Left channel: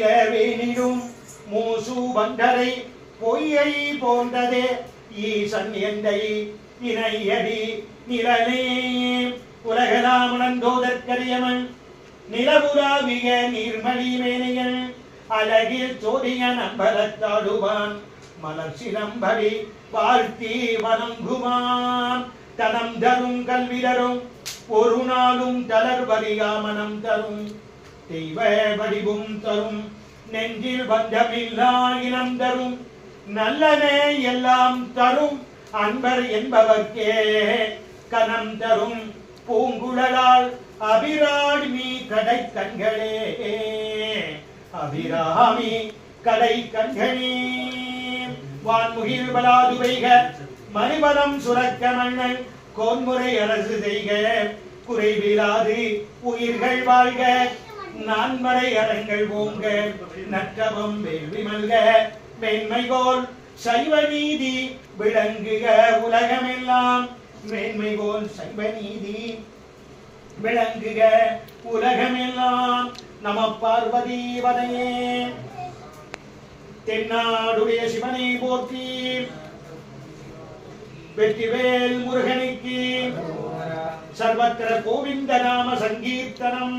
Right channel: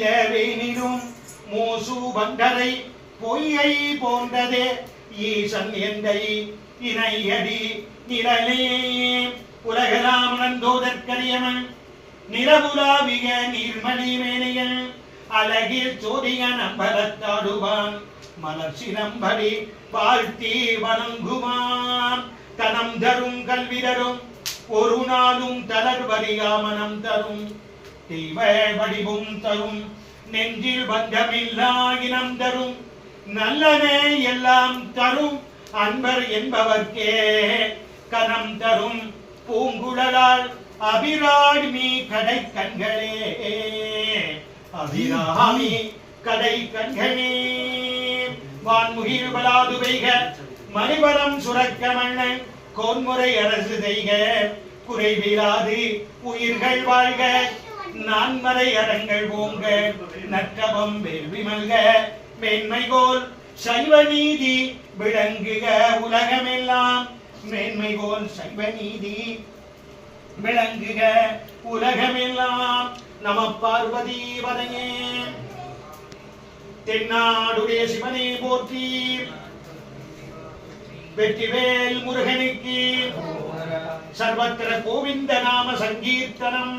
இளவேனிலும் மூசு பண்டரை பொய்யை போன்றதே ஈசன் எந்தை இணையடி நிழலே உலகலாம் உணர்ந்தோதற்கரியவன் நிலவுலாவிய நீர்மலி வேணையன் அழகில் சோதிய நம்பலத்தாடுவான் மலர்ச்சி நம்படி வாழ்த்தி வணங்குமான் தனம் தரும் கல்வி தரும் ஒரு நாளும் தளர்வறியாமனம் தரும் தெய்வ வடிவும் தரும் நெஞ்சில் பஞ்சமில்லா இனம் தரும் நல்லனே எல்லாம் தரும் அன்பர் என்பவர்க்கே கனம் தரும் பூங்குழலால் அபிராமி கடை கண்களே அபிராமி கடை கண்களே வான்முகில் பலாது பெய்க மணிபலம் சுரக்க மன்னன் கோன்முறை அரசு செய்க குறைவிலாது உயிர்கள் வாழ்க நான்மறை அரங்கள் ஓங்க நற்றவம் வேள்வி மல்க மேன்மைகோல் சைவ நீதி விளங்குக உலகமெல்லாம் மேன்மைகோல் சைவ நீதி விளங்குக உலகமெல்லாம் நம பார்வதி பதையே தென்னாடுடைய சிவனை போற்றி வெற்றிவேல் முருகனுக்கு சர்வத்திர கோவிந்த நாம சங்கீர்த்தனம்